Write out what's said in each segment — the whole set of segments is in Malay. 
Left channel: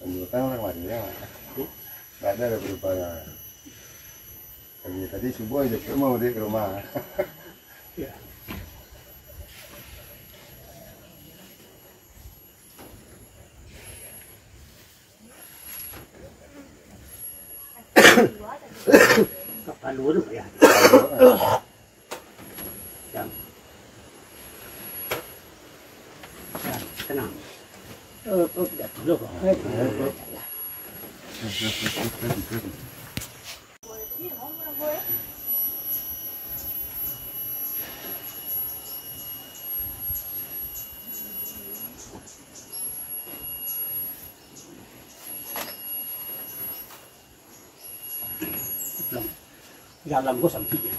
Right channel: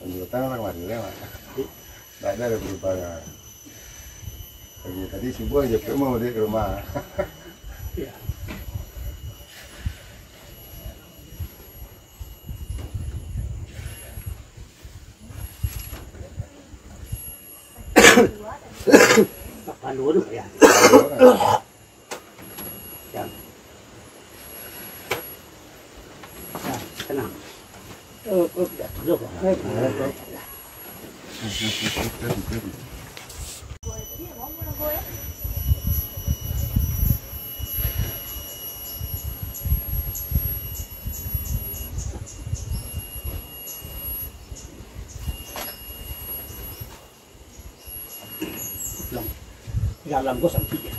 Lanjutan orang lagi lewat. Tidak ada perubahan. Tadi subuh aja mau dia ke rumah. Ya. Kapan dulu ya? Ya. Tenang. Jatuh kok. Dalam gua sampai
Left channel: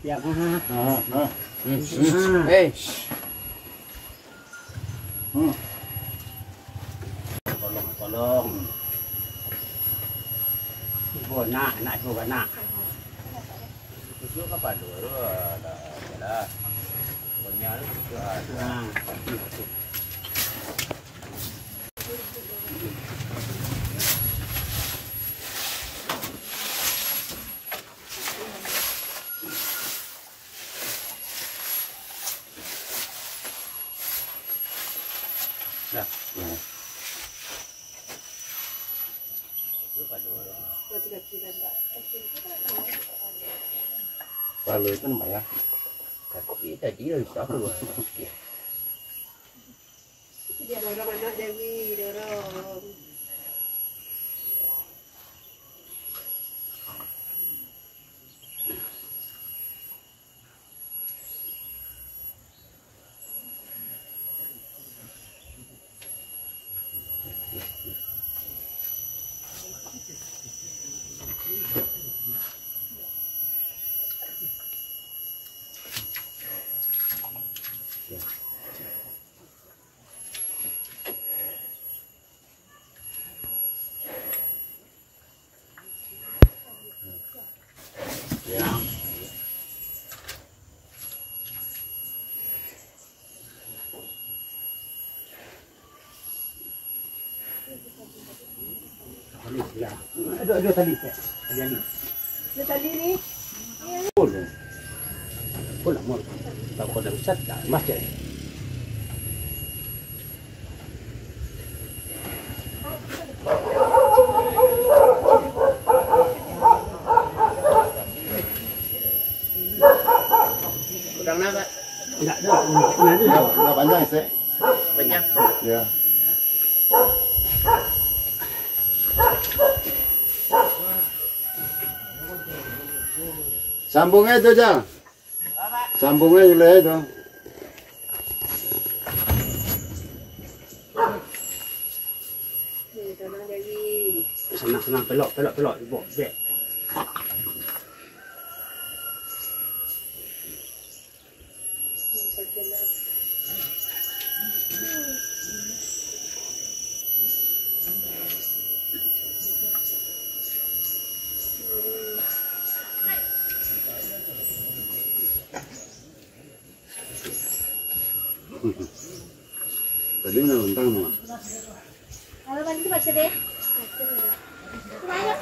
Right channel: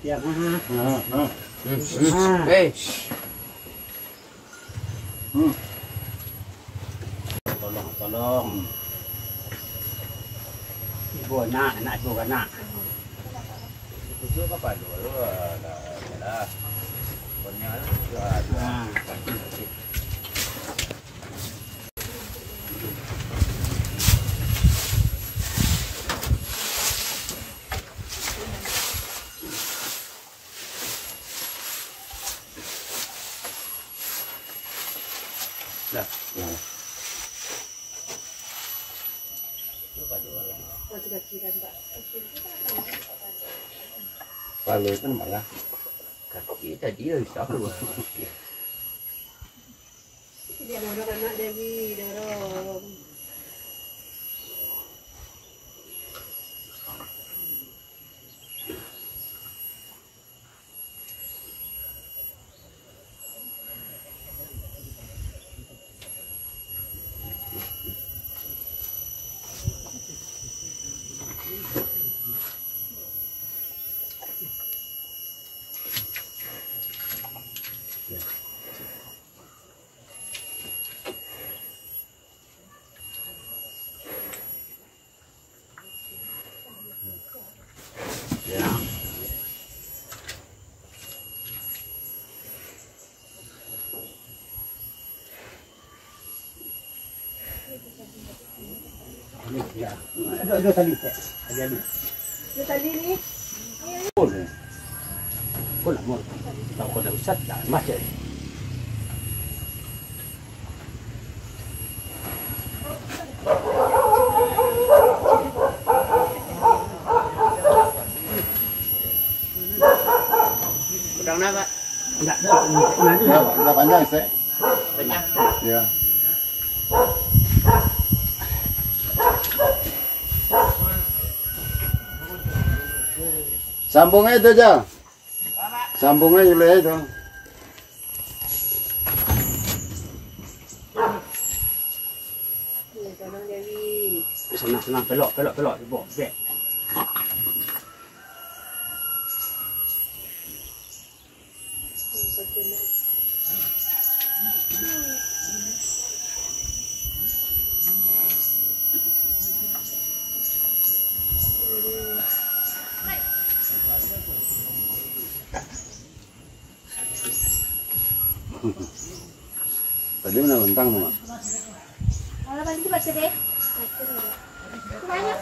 ya tolong ibu anak ibu anak itu apa dulu lah punya Ya. Lalu itu malah kaki tadi rusak keluar. Dia dorong anak Dewi, dorong. Ya, ada tali teh. Ada tali ni. Boleh. Boleh mau. Tahu kau dah usat dah macam ni. Udang apa? Enggak ada. nggak panjang sih. Banyak. Ya. Sambungnya itu aja. Sambungnya dulu itu. Dorong Dewi. Senang pelok ibu. Bek. Tadi mana bentang semua? Kalau mandi baca deh. Banyak.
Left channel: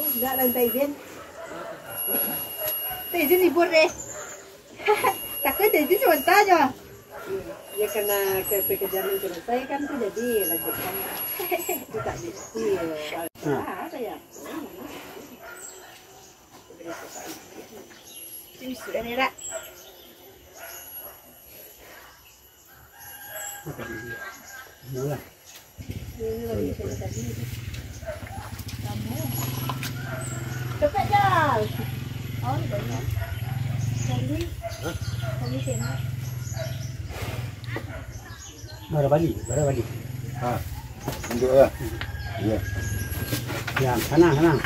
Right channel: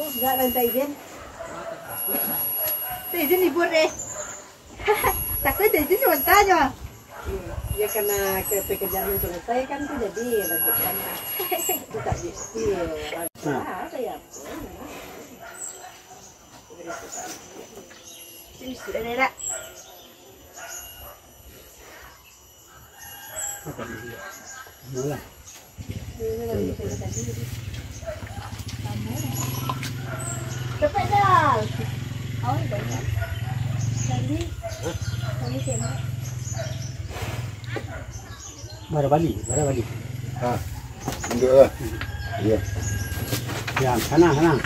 Oh, enggak lantai izin. Izin libur deh. Takut izin sebentar aja. Ya karena pekerjaan itu selesai kan tuh jadi lanjutkan. Itu tak jadi. Apa ya? Ini sudah ada. Mula. Ini lagi saya tadi. Cepat dah. Oh, banyak. Tadi. Kami kena. Bara balik. Ah, duduk ya. Iya. Ya, sana.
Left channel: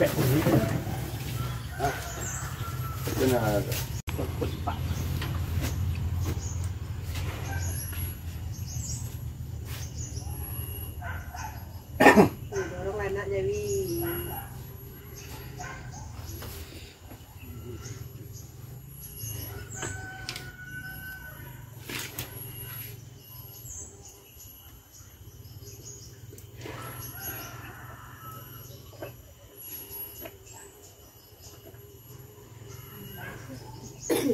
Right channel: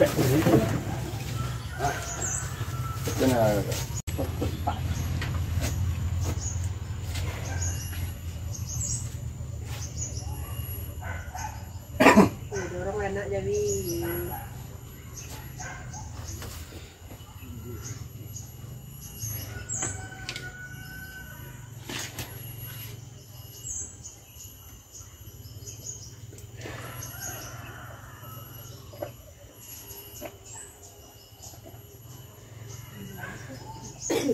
Bek ni. Kena. Dorong anak Dewi. Ya.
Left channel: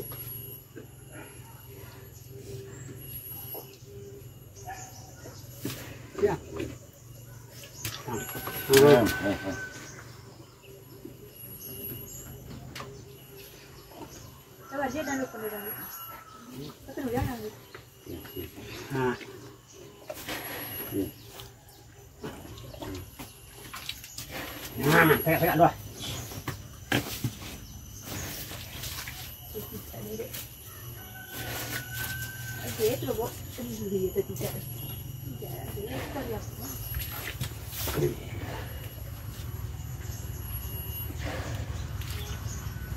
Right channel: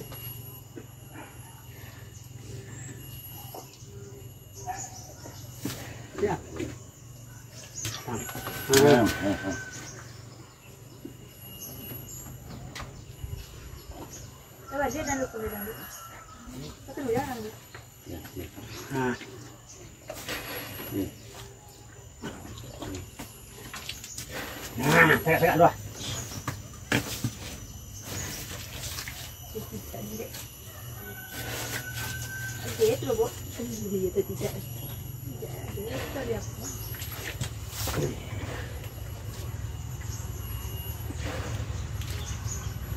Coba dia dan lupa bilang. Satu dulu jangan. Nah. Nah, saya dua. Oke, itu loh, Bu. Itu tidak.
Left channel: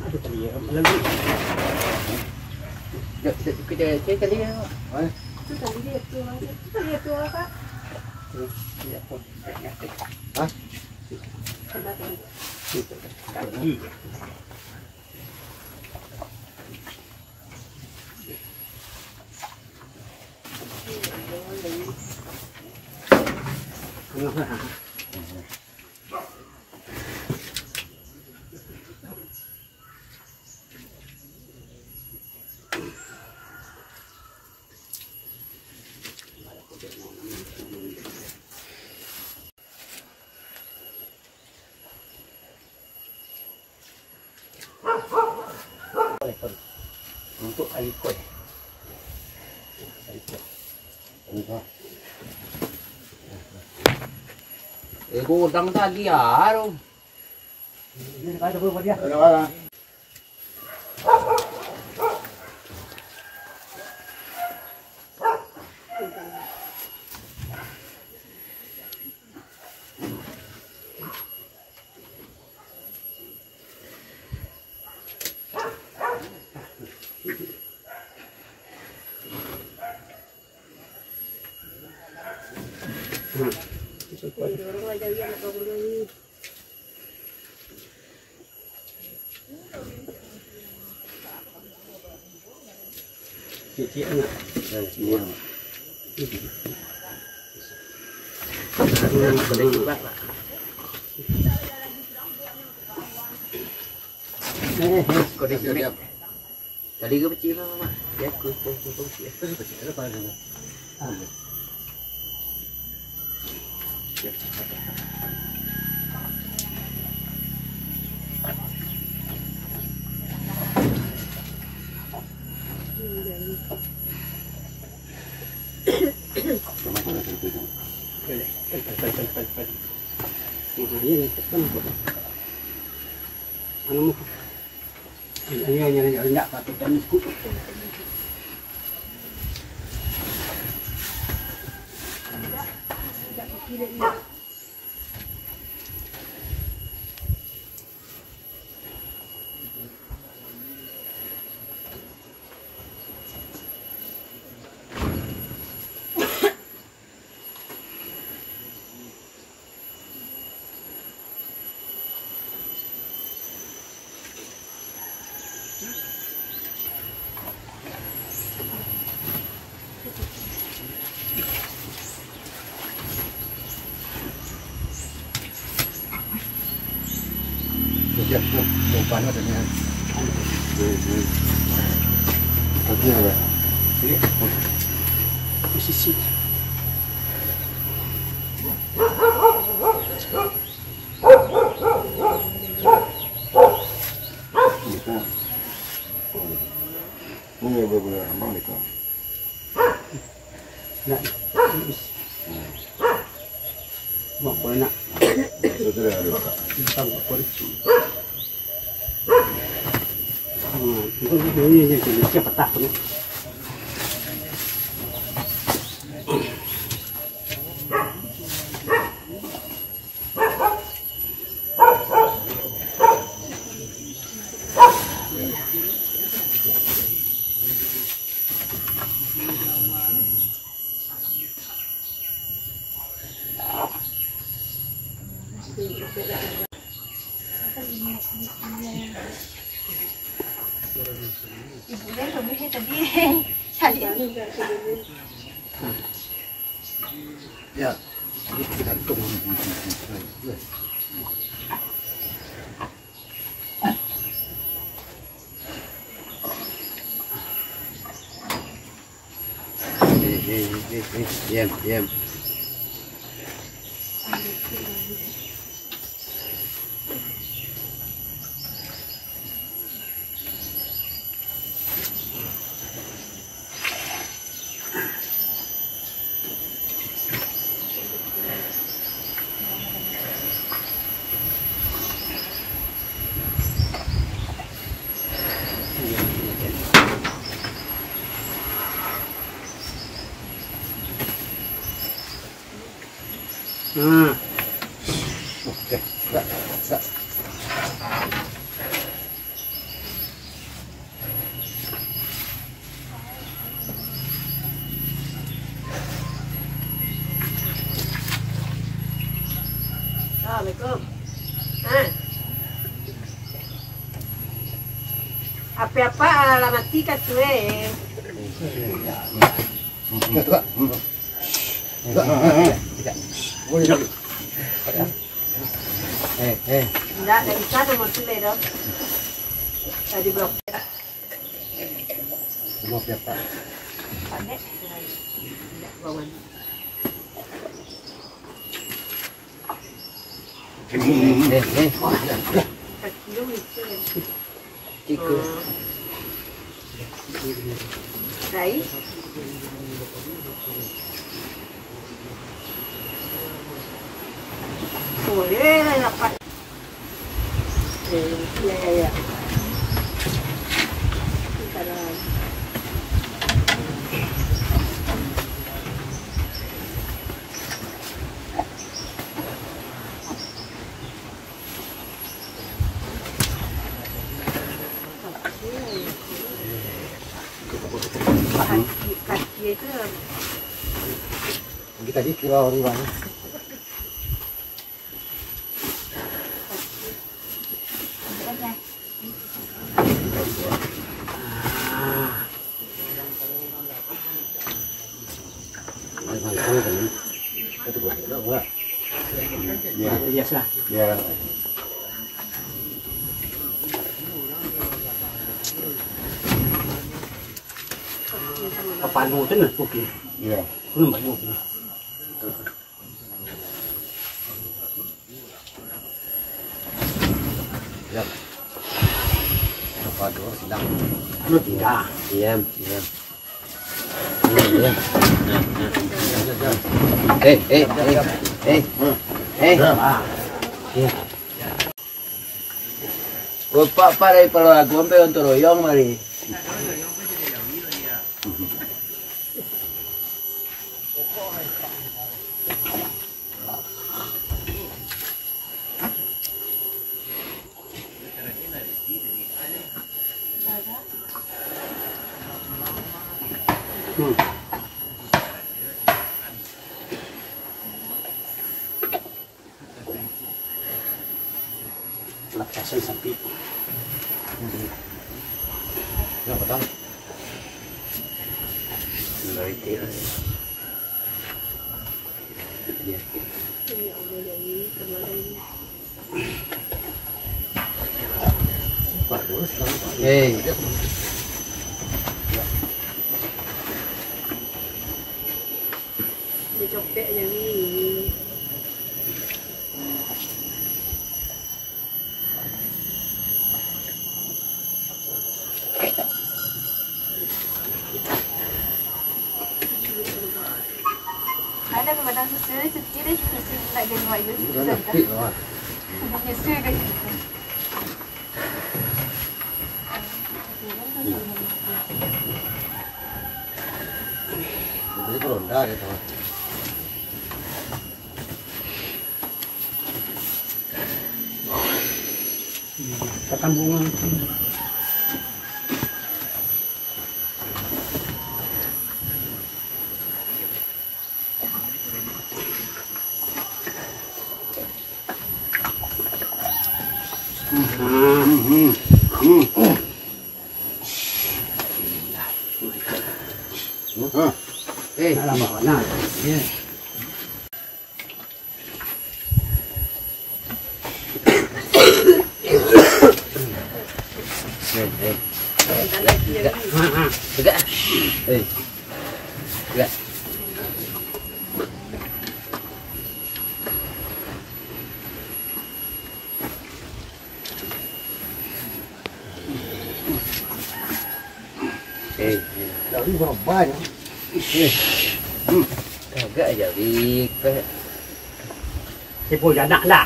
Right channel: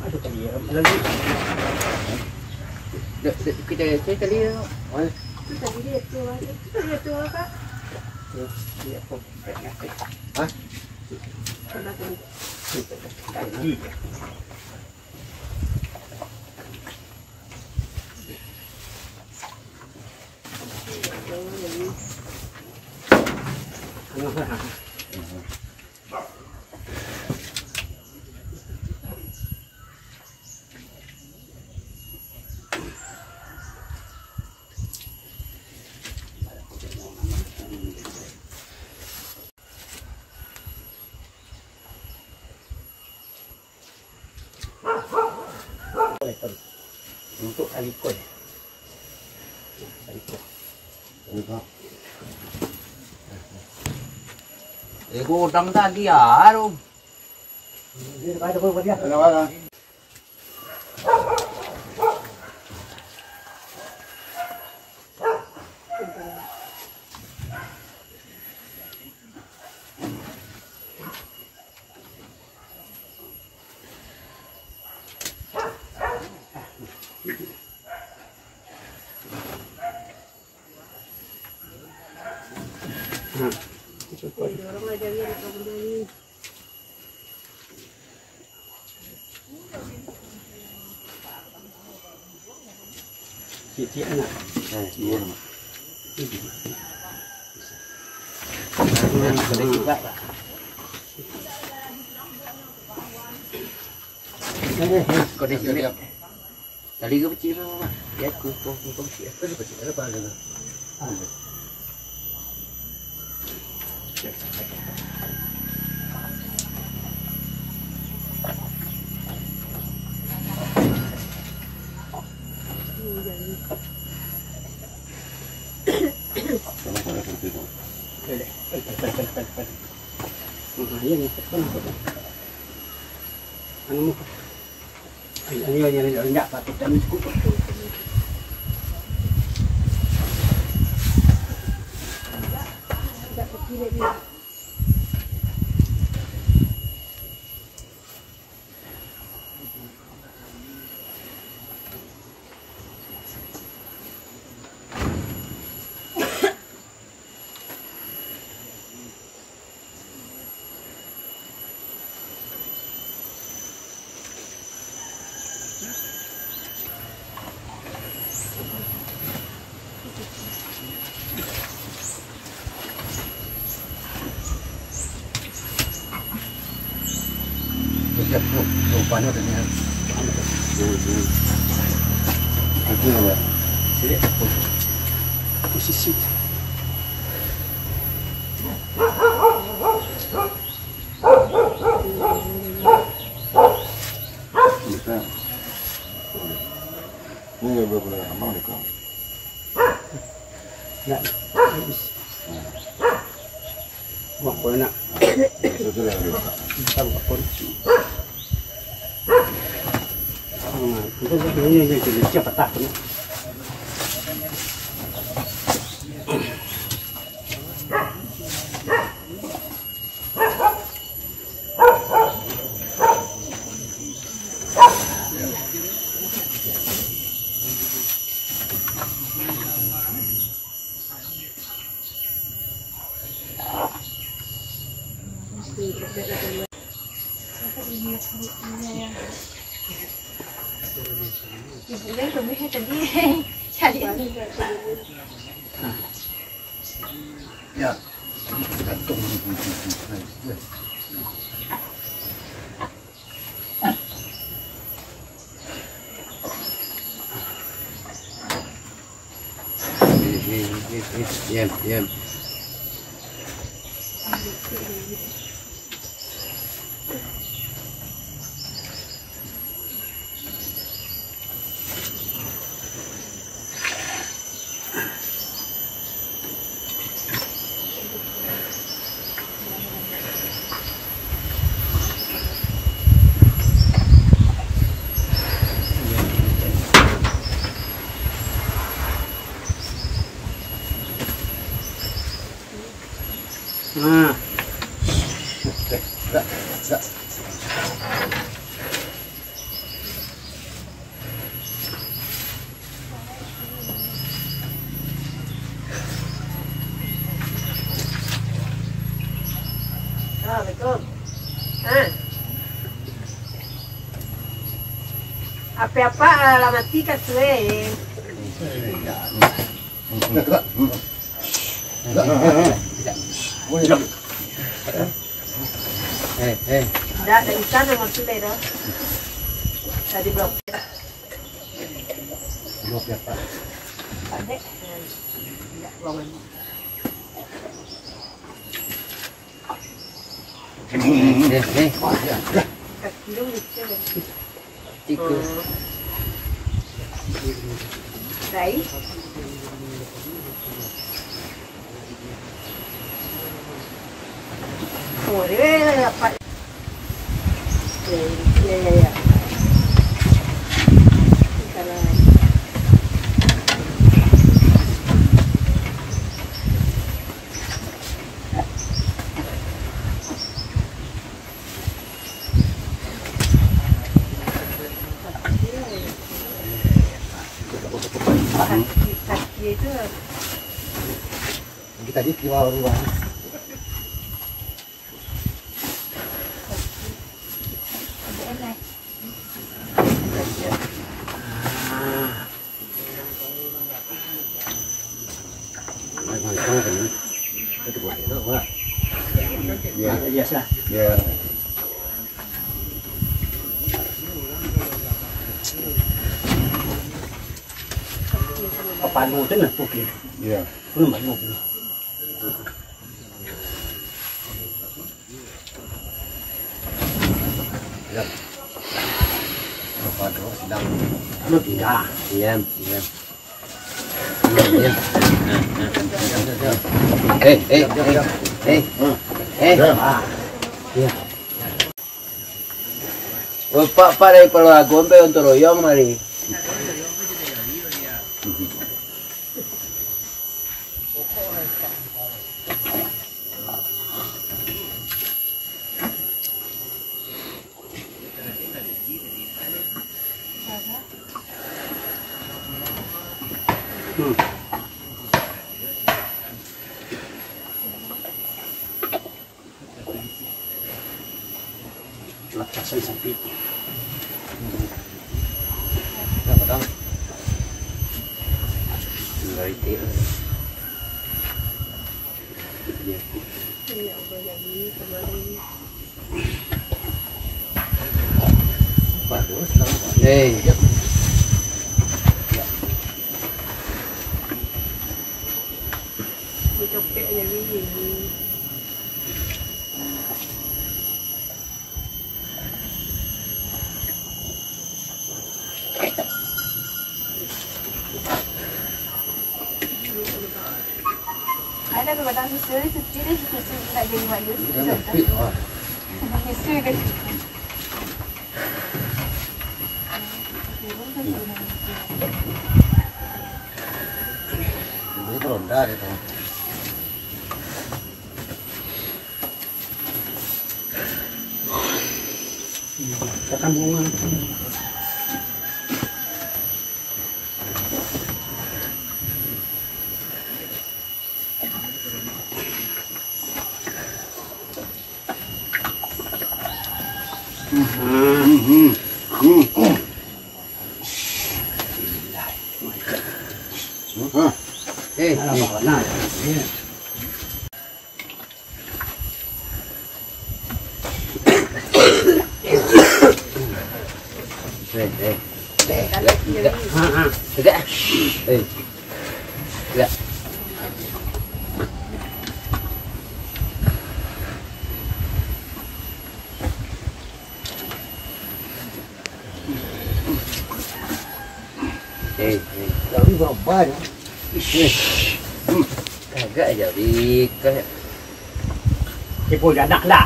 Ada tadi lagi. Kita tadi Kita lihat tuh, kita lihat tuh, Kak. Dia pun pengen. Coba tuh. Tadi. Untuk alikoi. Gudang tadi ya, Ada apa dia? Ada. Dorong aja dia nak bangun dulu. Cicit nak. Dua. boleh juga. Kau di sini. Tadi ke kecil lah, ya kumpul sih. Itu kecil ada apa gitu? Sama-sama seperti itu. Ini anu mo. Ini pati kami skup. Tak kecil dia. Ya, rupanya dengan kecil ya. Posisi. Bisa. Ini beberapa amal nih kok. Nak. Mau kau nak? Itu sudah ada. Kita buka pun. Ini jadi cepat tak ni. Ibunya suaminya tadi cari Ya. Kita tunggu. Diam. Assalamualaikum. Apa-apa alamat tika tu Tidak, dari sana mau tu dah. Tadi blok. Blok ya Pak. Ada. Tidak ruangan. Kaki lucu deh. Tikus. Baik. Oh, dia dapat. Ya. Sekarang. Kaki itu Kita di bawah. Ya, Biasa. ya. Kapan mau tu nak pukul? Ya. Belum banyak pukul. Apa tu sedang. Lu tidak. Diam. Eh. Bapak pada kalau aku sampai untuk royong mari. Lepasan sapi. Apa tahu? Dari dia. dicopek jadi. Ada kadang sekali sekali tak jadi wajib. Mesti deh. Jadi beronda gitu. Perkampungan. Alamak, nah, ya. Tegak. Ya. Dari banyak. Agak jadi ke Ibu anak lah.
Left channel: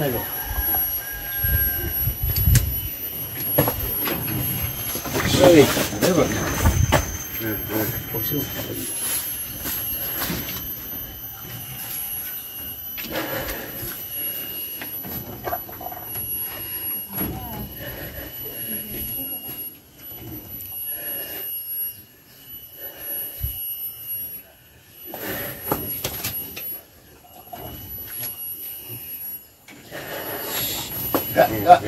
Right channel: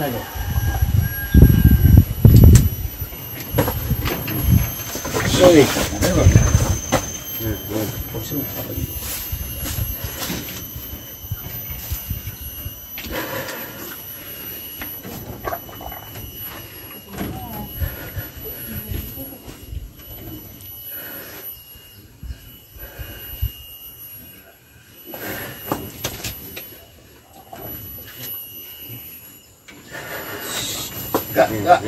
Saja. sorry. Ada apa? Kosong. Enggak.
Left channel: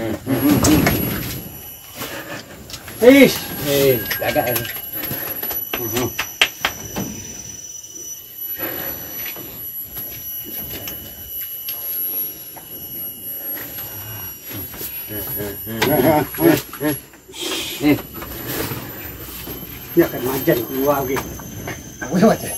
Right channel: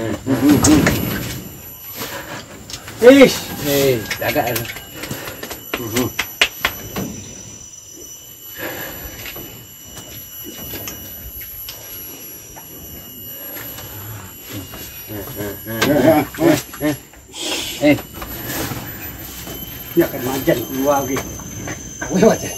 Agak ini. Dia akan majan keluar lagi. Weh macam.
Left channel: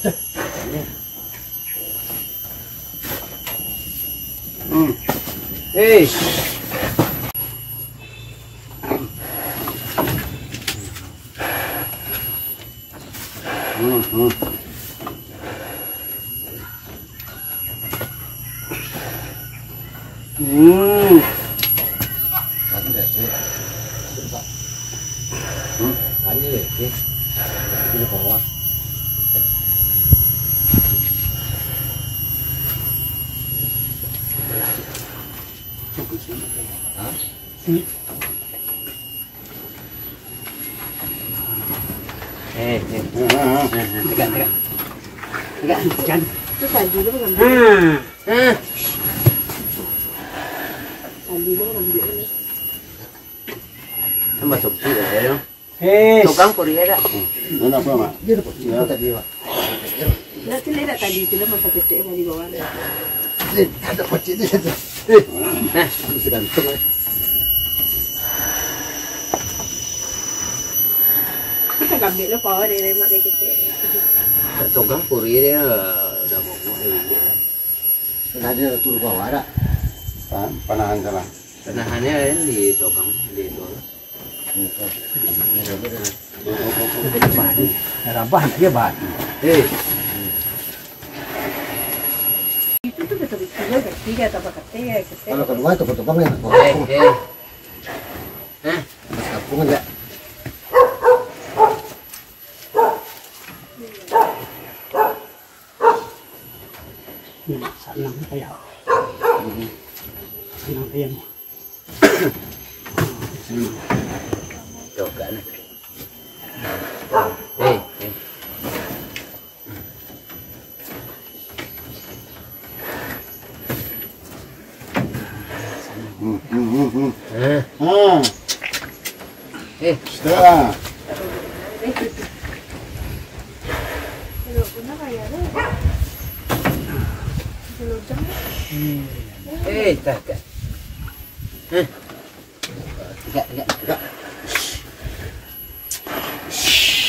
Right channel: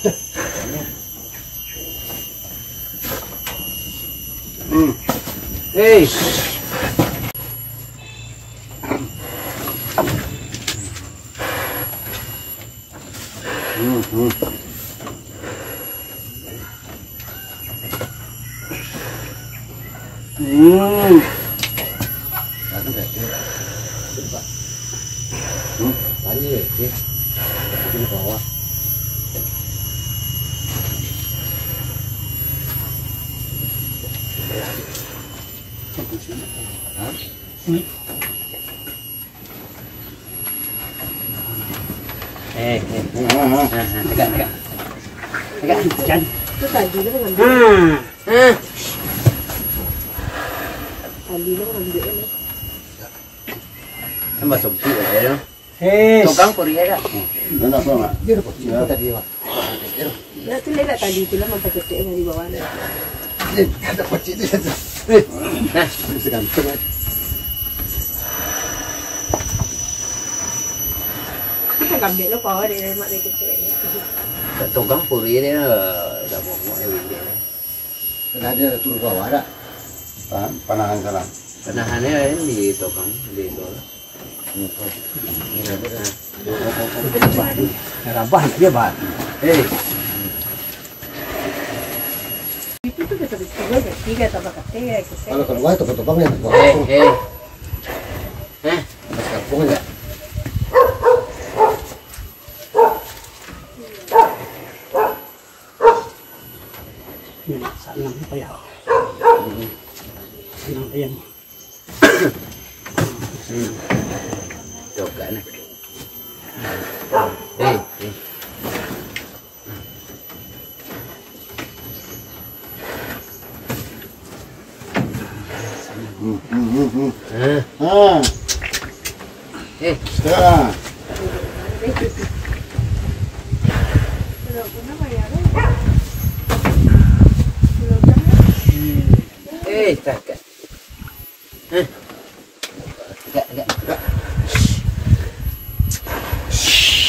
Tadi ni, ini bawah. Kan? Itu tadi lu mengambil. Tadi lu mengambil ni. Tambah sobti ada. Tukang Korea tak? Mana apa mak? Dia dapat cerita tadi pak. Dah tu lihat tadi tu lah masa ketik yang di bawah ni. Ada pacik tu ada. Nah, Segantung. Ambil lah power dia mak dia ketik. tukang Korea dia dah bawa dia. Ada turun bawah ada. Panahan sana. Penahannya di tukang di itu. Rabah nak dia bahan. Itu tu kita bisa tiga atau ketik. Kalau keluar ke potong ya. Kampung enggak? Senang payah. Senang ayam. Coba nih. Sudah. Tak.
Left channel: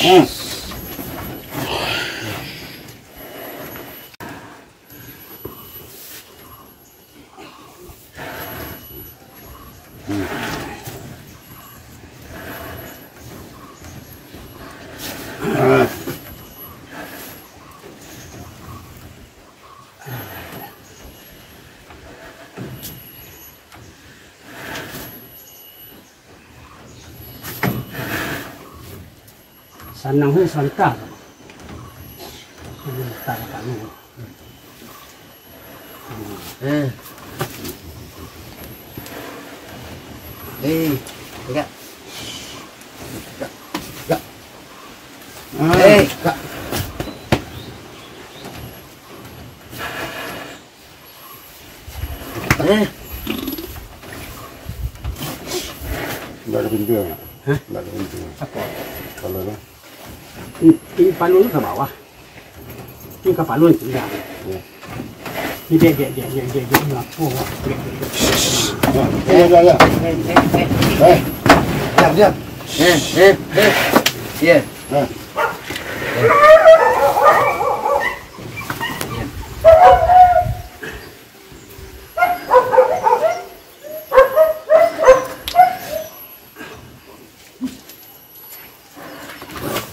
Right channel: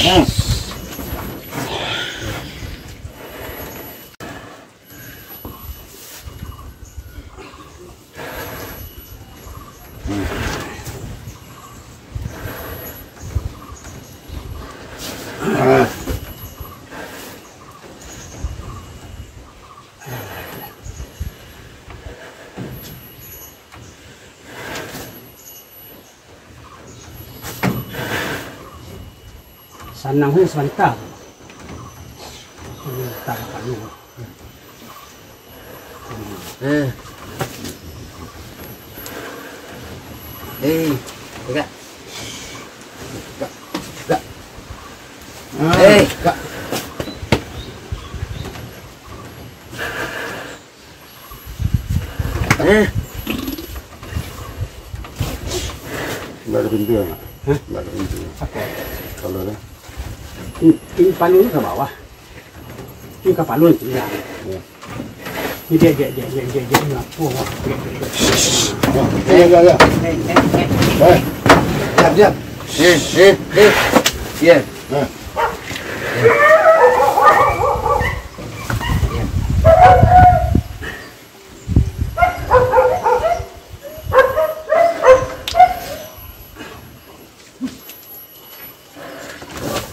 Enggak. Senang tu sebentar. Tak dapat lu. Enggak. Enggak ada pintu ya? Enggak ada pintu. Kalau ada. Ini palu tu ke bawah. Ini ke palu ni tidak. Ini dia lapor. Ya. Diam. Ya.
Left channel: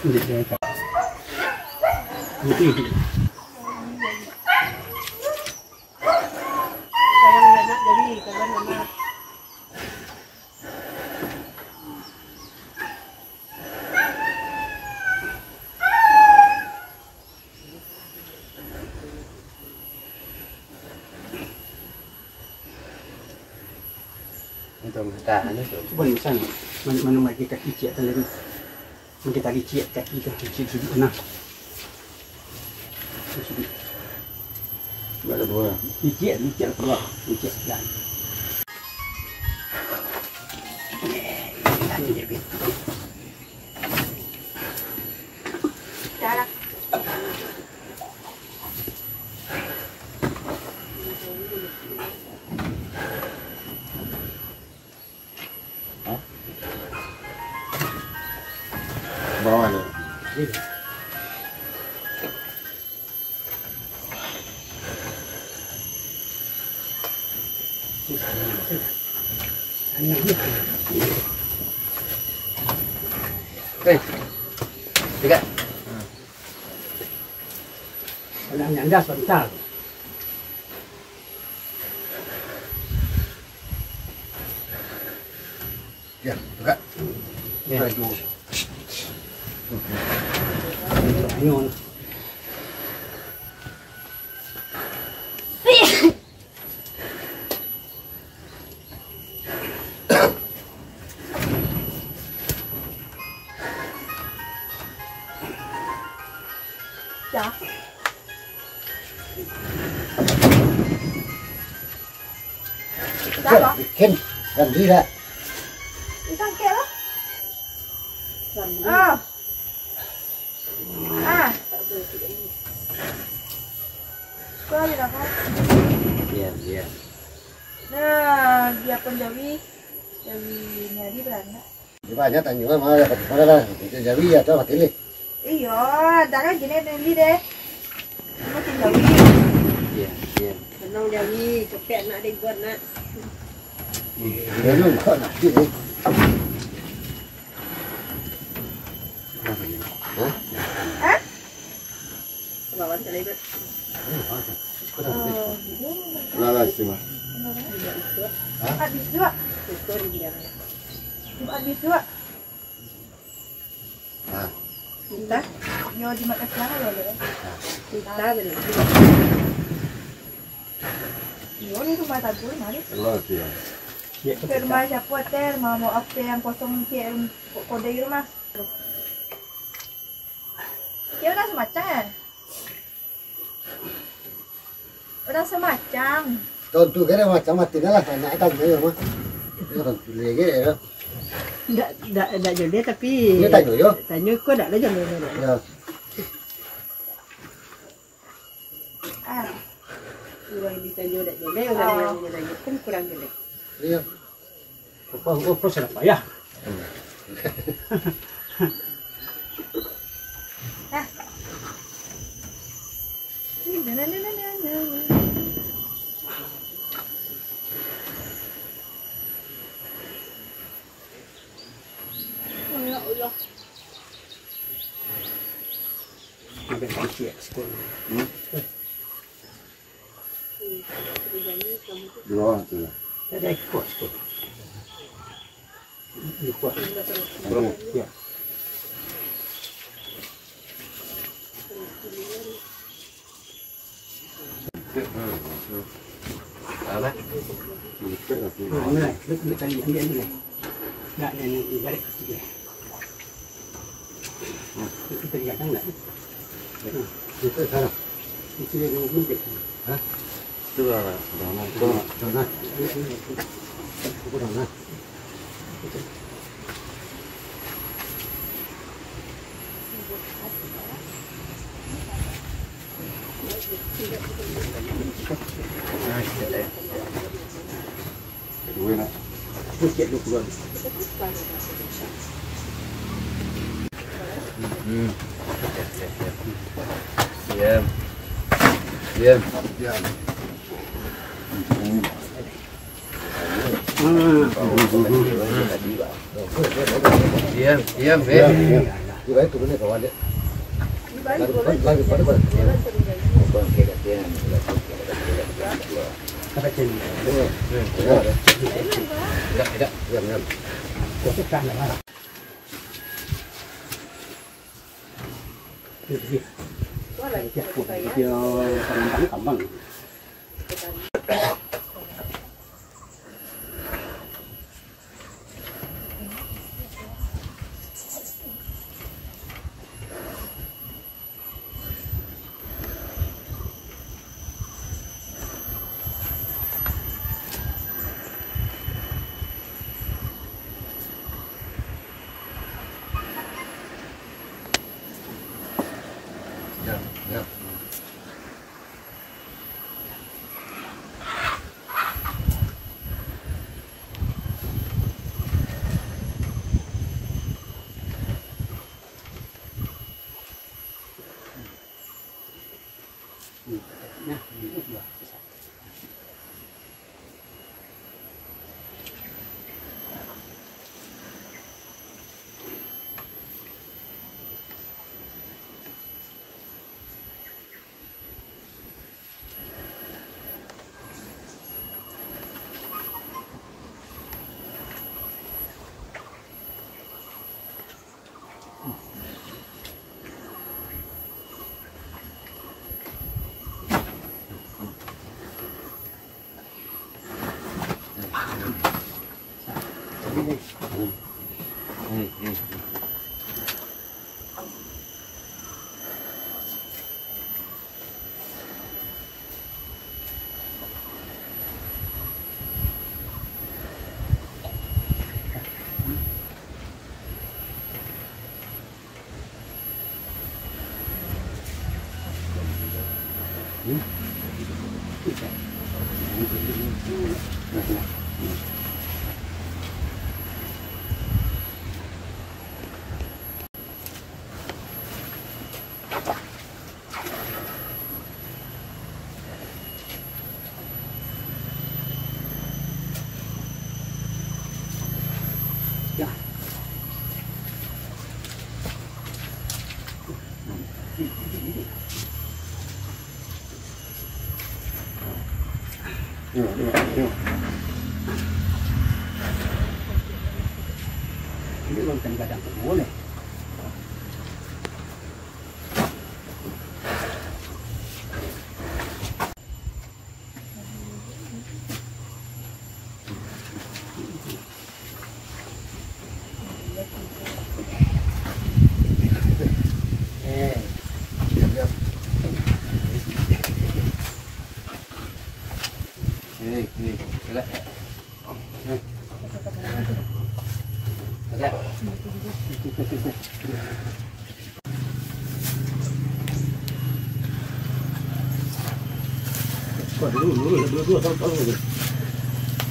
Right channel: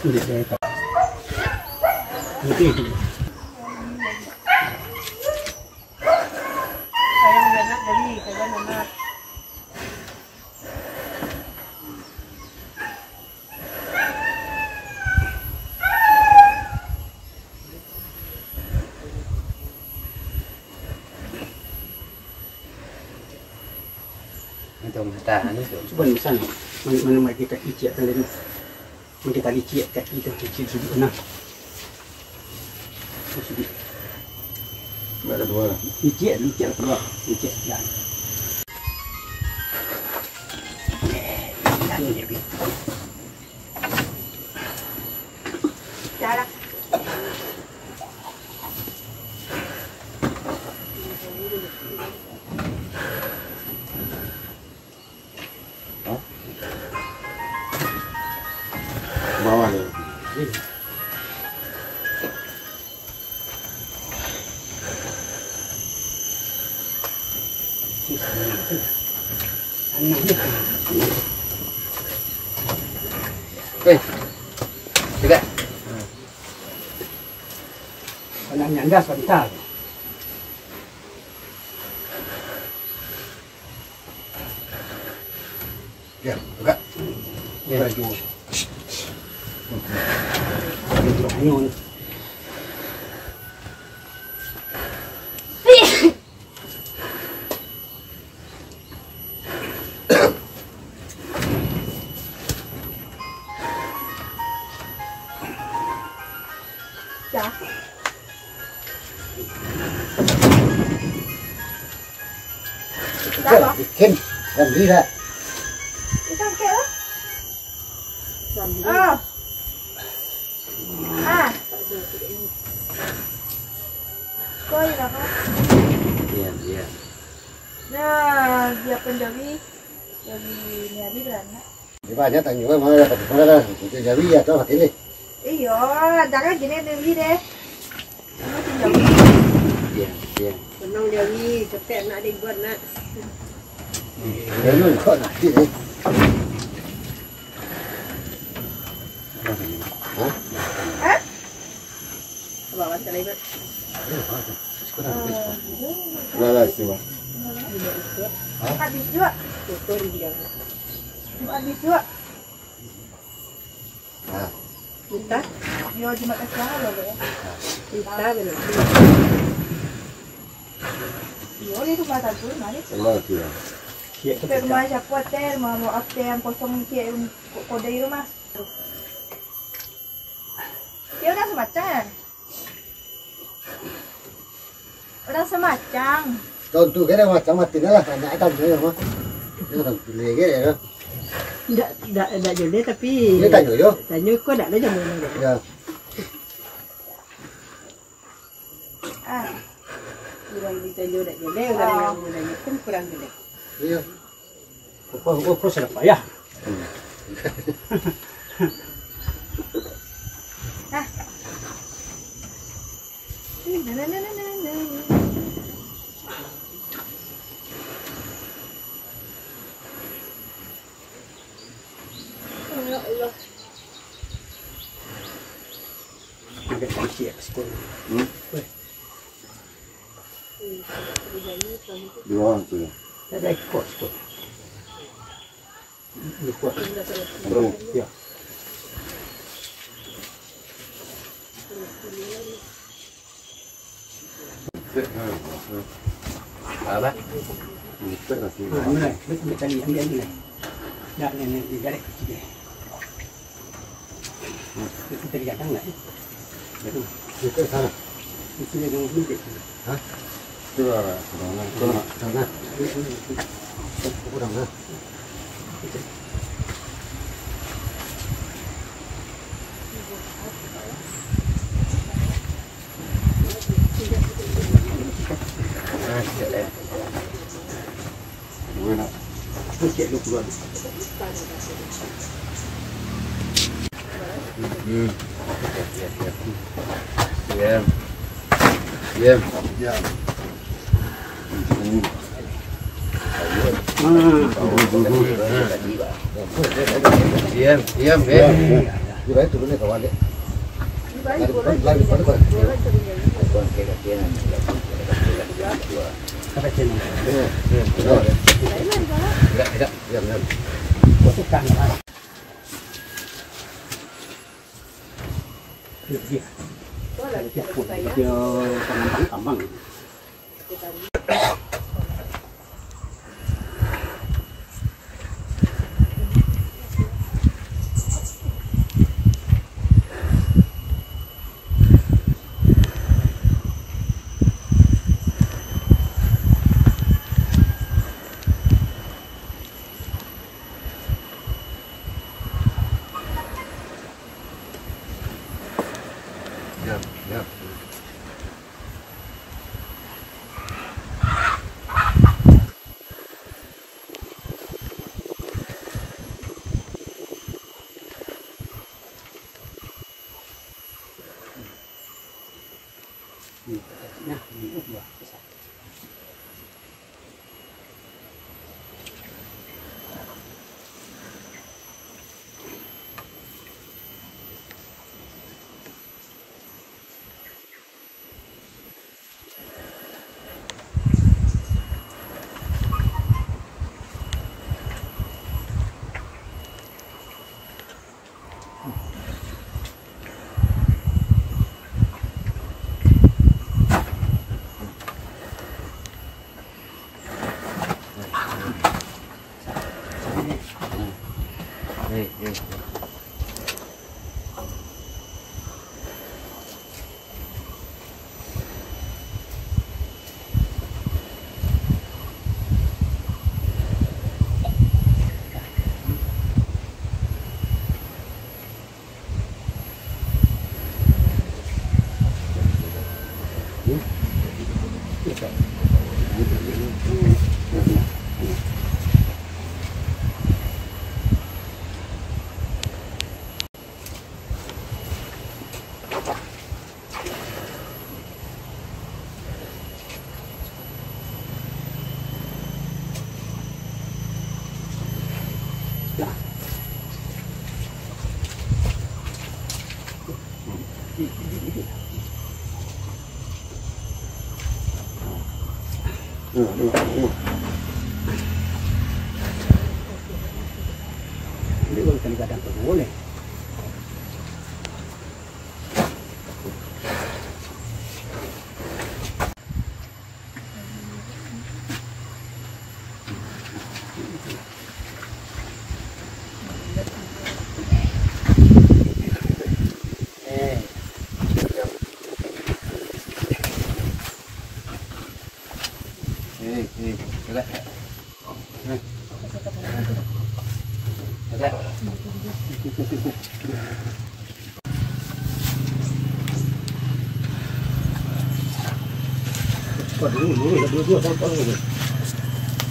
Dia kata. Itu. Sayang anak dari kawan anak. Untuk kita ini tu. Cuba ni sana. Mana mai kaki cik kalian. Mungkin tali cik kaki tu cik sudut enam. Sudut. Nak kedua. Cik keluar. Cik dan. Jalan. Bawah ni. Hei. Dekat. Kalau nyanda sebentar. Ya, dekat. Ya. Baju. Ayun. Ya. Dah. Kim, làm gì ra? Đi sang kia đó. À. À. Coi gì đâu. Iya, iya. Nah, dia penjawi dari nyari Belanda. Di banyak tanya mana dapat mana kita jadi ya tahu ini. Iya, jangan gini dulu deh. Kamu penjawi. Iya, iya. Benang jawi, cepet nak dibuat nak. Ini kok nak ini. Hah? Bawa terlibat. Lala cuma. Habis juga. Habis juga. Ah. Kita, dia di mata siapa loh ya? Kita benar. Dia ni rumah tadi mana? Allah dia. Rumah siapa hotel, mau apa yang kosong yang kode rumah. Dia udah semacam. Udah semacam. Tuh tu kena macam mati dah lah. Nak tanya apa? Dia kan pilih ke ya. Tidak jodoh tapi. Dia tanya yo. Tanya kok tidak ada jodoh. Ya. Ah. Kurang bisa jodoh jadi udah jodoh kan kurang gede. Iya. Kok sudah payah. Ya Allah. Agak kecil sekolah. Di bawah tu ya. Ada ikut sekolah. Ikut. Ya. Apa? Mulai, betul tadi ambil ni. Nak ni dari kecil. Kita lihat kan nak. Itu sana. Itu yang mungkin. Hah? Itu lah. Jangan. Kurang lah. Sikit lu keluar. Diam. Diam. Ya. Diam, diam, diam. Juga itu turunnya kawan dia. Lagi pada Bukan kayak kecilan. Sampai sini. Tidak. Ya benar. Gosokkan lah. Dia. Dia tambang. Ya. Ini bang kadang-kadang boleh. Kau dulu, tolong.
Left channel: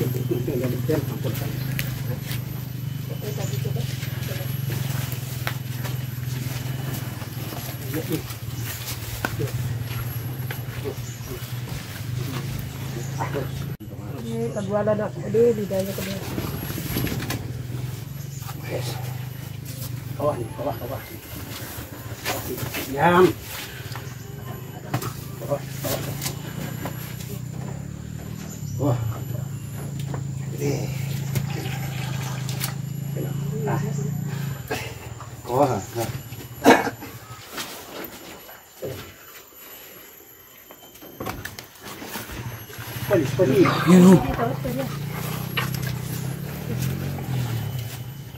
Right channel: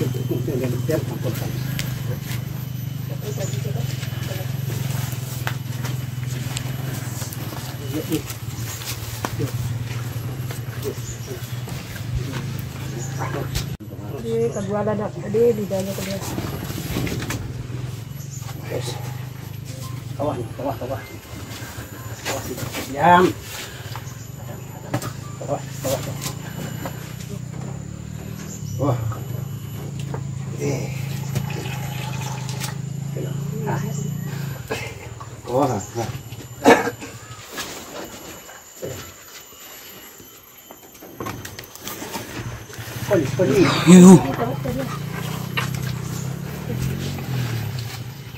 Dia tampilkan. Ini kedua ada di dalam kedua. Bawah. Diam. Bawah. Wah. Wah. Polis.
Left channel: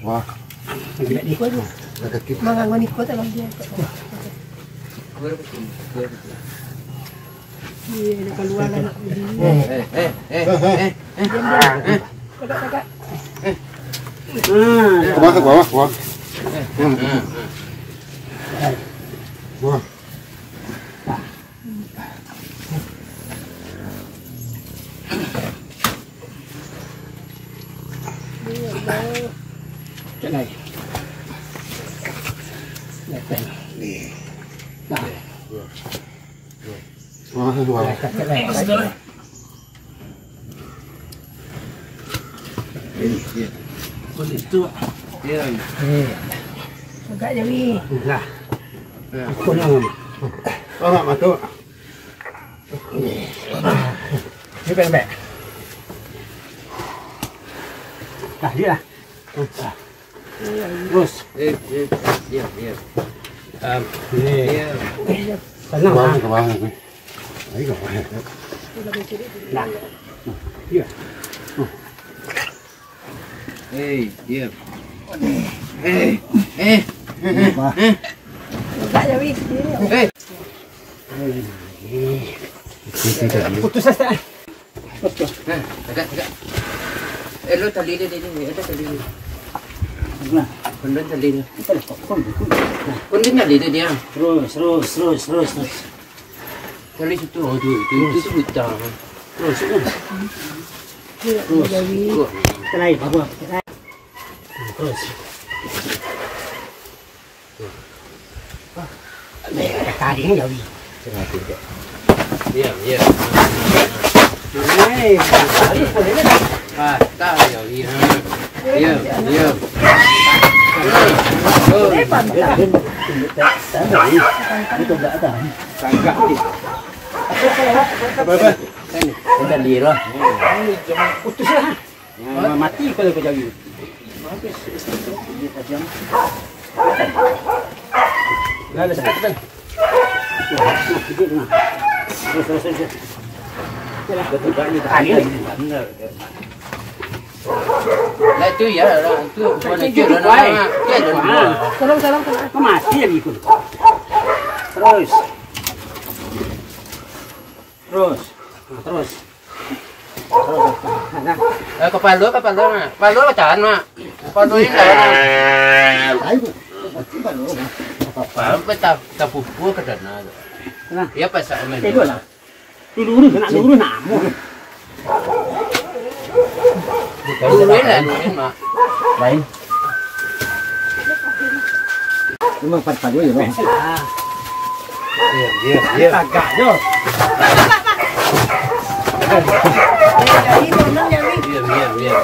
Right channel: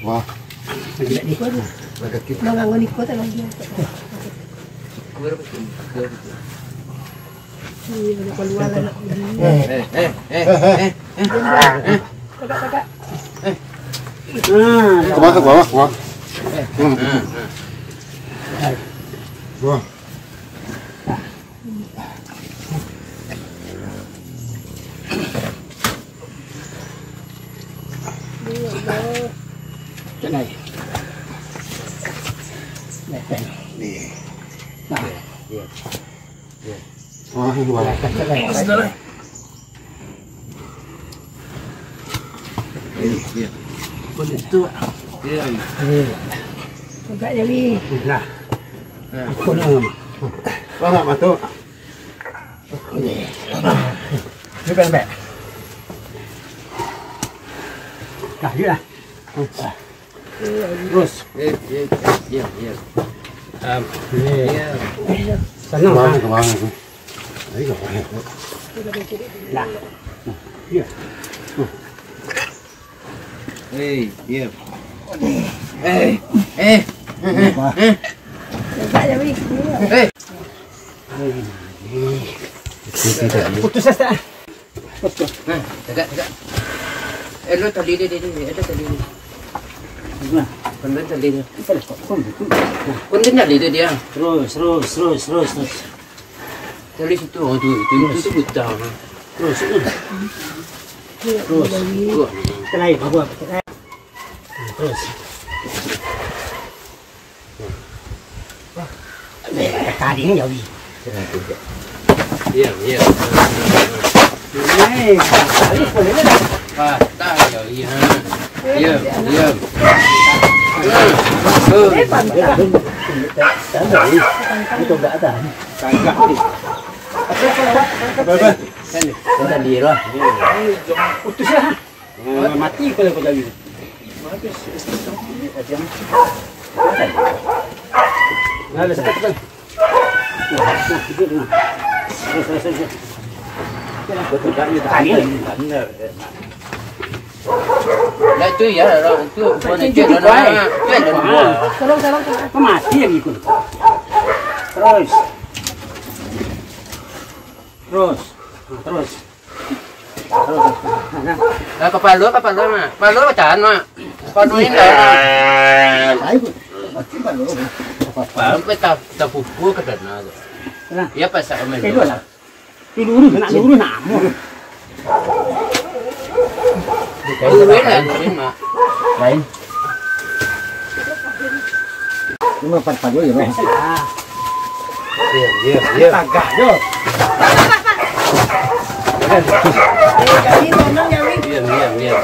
Wah. Tidak di. Ada kita. Menganggap ikut sama dia. Ini keluar anak Ke bawah. Wah. Cái này này nah cái này Ini dia. con itu Iya. Buka je Wi. Lah. Kau nak apa matu? Ni pendek. Dah je lah. Terus. Ya. Ni. Senang. Kemang. Ayo. Lah. Ya. Diam. Buka je Wi. Putus asa. Tegak. Lu tali dia. Ada tali dia. Nah, Benda tali dia. kita dah kon. Kun dia tali dia. Terus. Tali situ. Oh tu buta. Terus. Kuat. Kita lain apa? Terus. Tadi ni jadi. Diam. Hai, tadi boleh dah. Patah jadi ha. Diam. Tak ada ni. Itu tak ada. Kagak ni. Apa? Sini. Tali lah. Putus lah. Mati kalau kau jadi. Nah, sekat. Nah, itu dah. Terus. Betul kan ni tak ada. Lah tu ya lah. Tu mana je lah. Tolong. Kau mati lagi ikut. Terus. Nah. Kepala mak. Kepala macam mak. Kepala ni dah. Apa tak pupuk ke dana. Nah. Ya pasal main. Dua lah. Lurus nak namu. Luruin mak. Lain. Cuma 4 dulu ya. Diam. Agak je. Jadi ngomong ya Wi. Diam.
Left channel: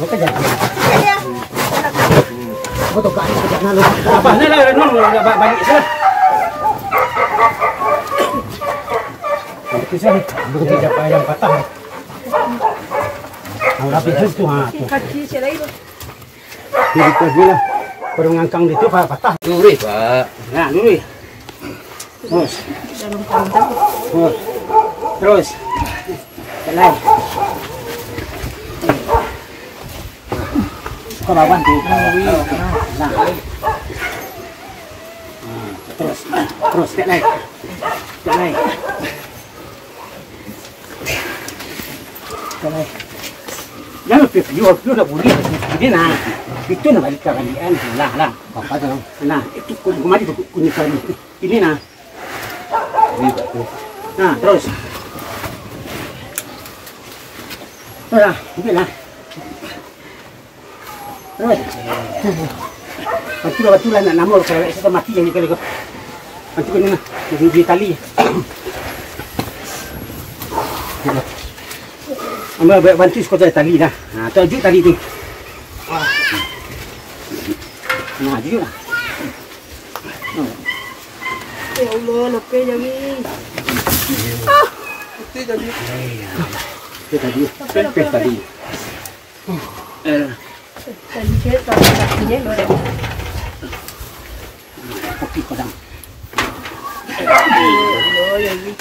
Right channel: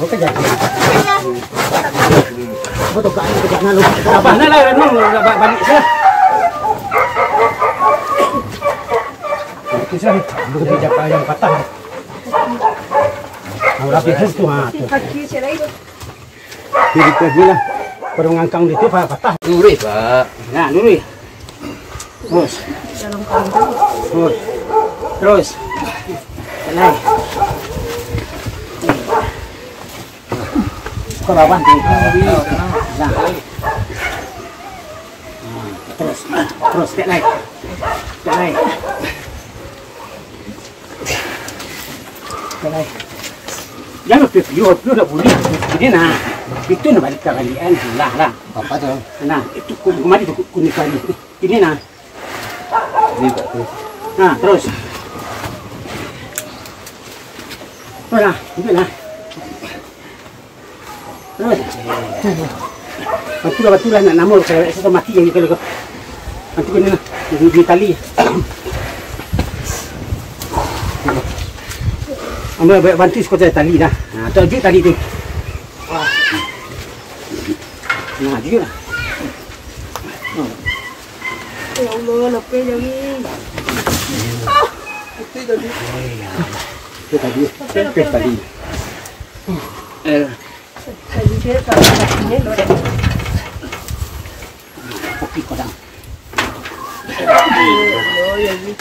Apa kerja? Betul kan kerja nak lu. Apa nak lah balik sah. Itu sah. Betul kerja yang patah. Ang rapi has tu ha. Kaki saya lagi. Jadi kerja lah. Perlu ngangkang itu patah. Lurus pak. Nah, lurus. Terus. Terus. Lain. Kau lawan tu. Nah. Terus tak lain. Jangan pergi dah boleh. Ini nah. Itu nak balik ke kalian. Lah. Apa tu? Nah, itu kemarin tu kuning kali. Ini nah. Ini pak tu. Nah, terus. Nah, ini lah. Terus. Betul lah nak nama kalau saya mati jadi kalau nanti kena di tali. Ambil bantu sekotnya tali dah. Nah, tujuh tali tu. Nah, juga lah. Ya Allah, lepas je Wi. Itu tadi. Tadi saya tak ada ni. Kopi kodang. Oh ya Wi.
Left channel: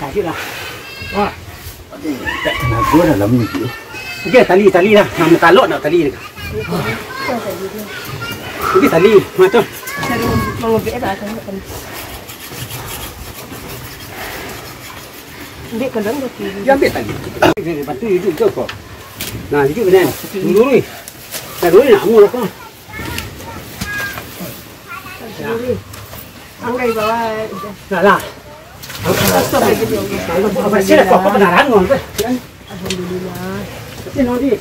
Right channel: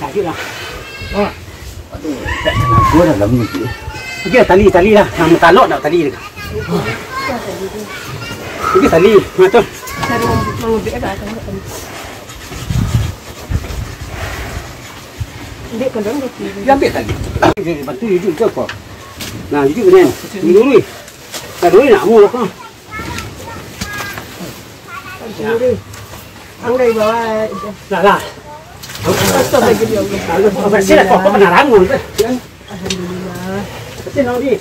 Kaji lah. Wah. Gua dah lama ni. Okey, tali lah. Nama talok nak tali dia. Okey, tali. Macam. Saya mau beli dah kan. Dia kena mesti. Dia ambil tali. Bantu hidup ke kau? Nah, hidup ni. Lurus. Dah lurus nak mu kau. Orang bawa. Lah. Apa sih lah kau pernah rangon tu? Alhamdulillah. Betul nak dia.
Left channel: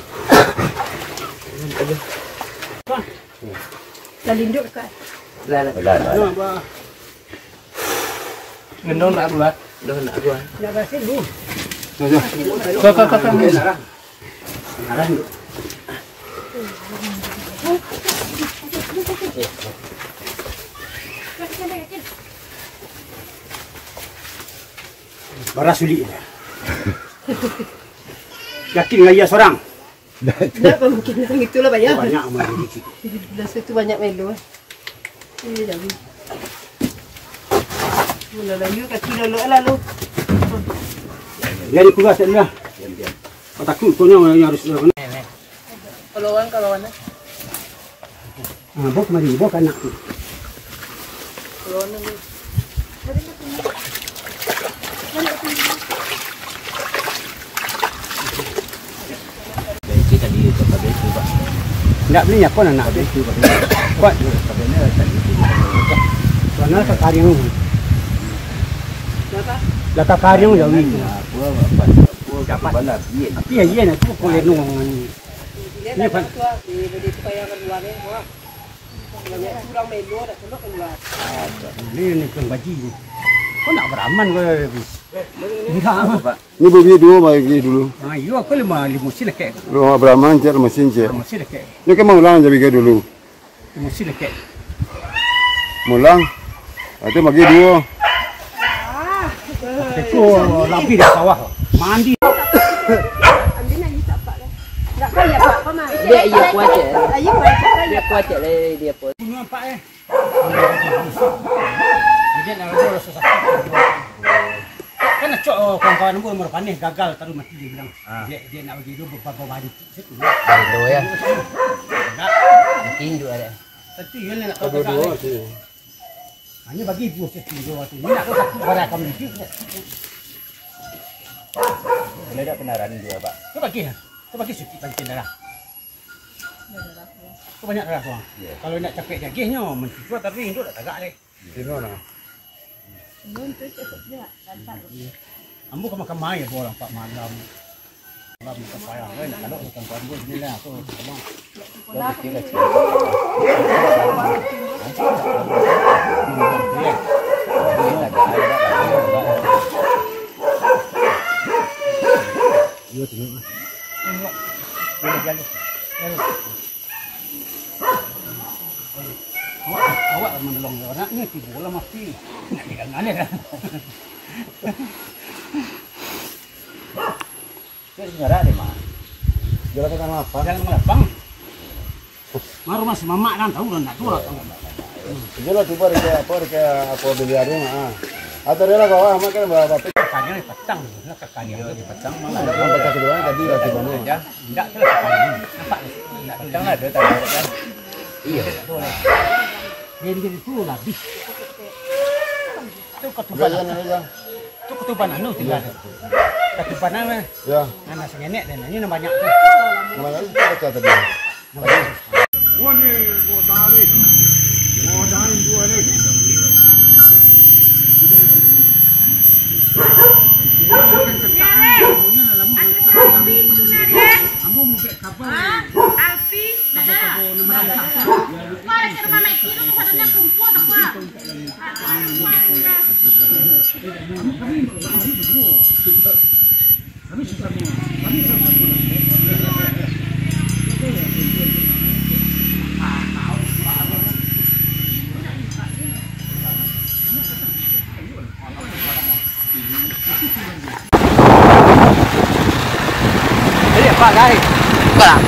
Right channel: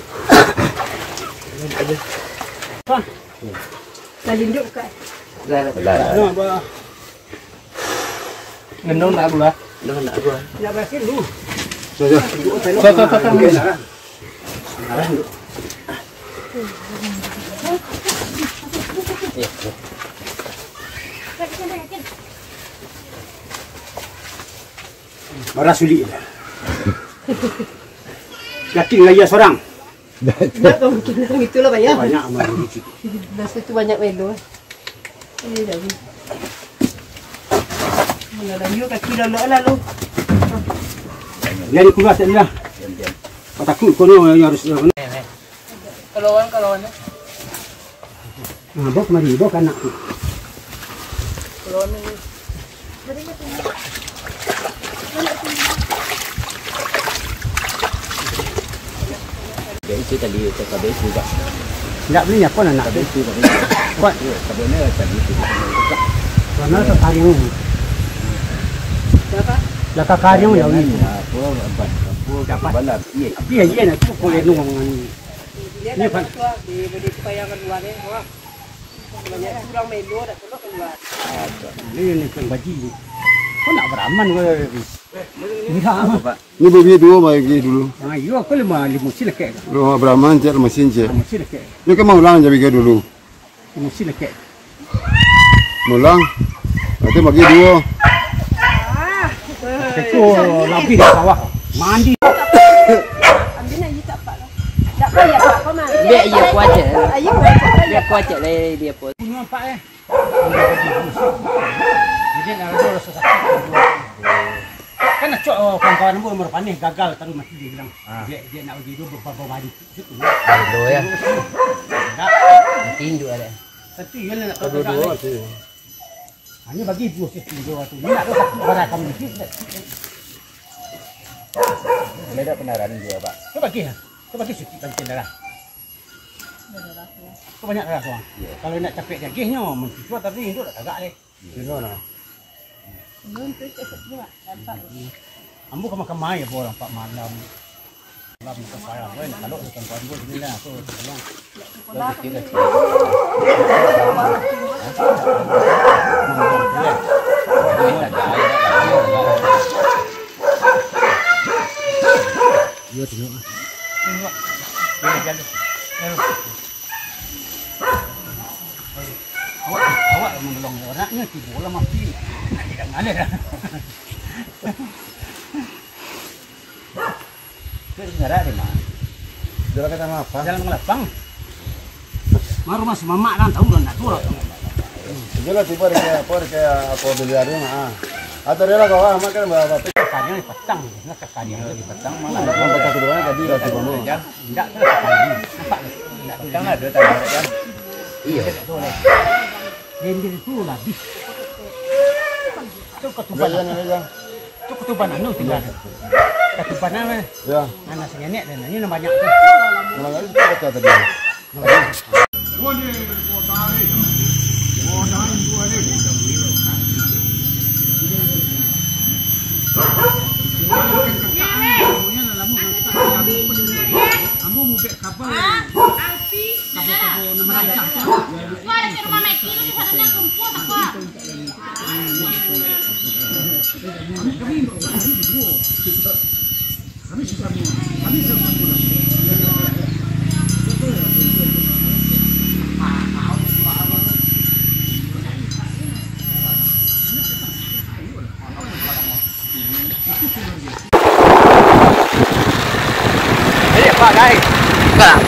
Lain duk kat. Nah, apa? Gendong nak gua. Dah nak gua. Nak bakar dulu. Barang sulit. Yakin nggak ia seorang? Kenapa mungkin orang itulah banyak. Banyak amat rezeki. Nasi tu banyak melu. Ini dah. Mula layu kaki lolok lah lu. Lari keluar tak lah. Diam-diam. Takut kono yang harus. Kalauan. Bawa kemari, bawa ke anak tu. Itu tadi itu kabel itu Pak. Tak beli apa nak Kabel itu Pak. buat. Kabelnya tadi itu. Mana sekarang? Laka karyong yang ni. Aku dapat balas dia. Iya nak tu boleh ngomong. Dia dah tua di supaya keluar ni. Banyak kurang melu dah keluar. Ni pun gaji. Kau nak beraman ke? Ni beli dua bagi dulu. Yo aku lima silek. Rumah Brahman cek mesin cek. Lima silek. Ni kan mau ulang jadi dulu. Lima silek. Mulang. Nanti bagi dua. Itu lebih dari sawah. Mandi. Ambil nak tak pak lah. Tak payah pak kau mah. Dia kuat je. Ayo pak. Dia kuat je dia pun. Punya pak Jadi nak ada susah. Kan nak cok kawan-kawan pun umur panih gagal terus mati dia bilang. Dia nak bagi dua beberapa hari situ. Aduh ya. Tindu ada. Tapi dia nak bagi dua tu. Ini bagi dua situ dua tu. Ini nak satu barang kami ni. Ada tak penaran dua Pak? Kau bagi sikit bantuan darah. Kau banyak darah tuan. Kalau nak capek dagingnya, mencuci tapi itu tak agak deh. Sino na? Ambo kau makan mai orang pak malam. Malam makan payah. Wei nak kalau dengan kawan gue sini lah. Aku tolong. Iya tengok. Awak menolong orangnya tiba lah mati. Nak dia ngalir dah. Itu sebenarnya di mana? Jalan kata apa? Jalan Melapang. Maru mas mamak kan tahu dah nak turun. Jalan tiba apa biliarnya mah. Atau dia lah kau amat kan berapa? Kaki ni petang, nak kaki ni petang. Yang baca kedua tadi dah tiba ni. Tidak tu kaki. Petang ada tak? Iya. Gendil tu habis. Tu ketuban. Tu ketuban anu tinggal. Ketuban mana? Ya. Mana sengenek dan ini banyak tu. Mana itu baca tadi. Ambo mau bek kapal. Alfi. Kapal nama dia. Para ke rumah Meki tu ada nak kumpul tak apa. Kami susah semua. Kami susah semua. Pak guys. Pak.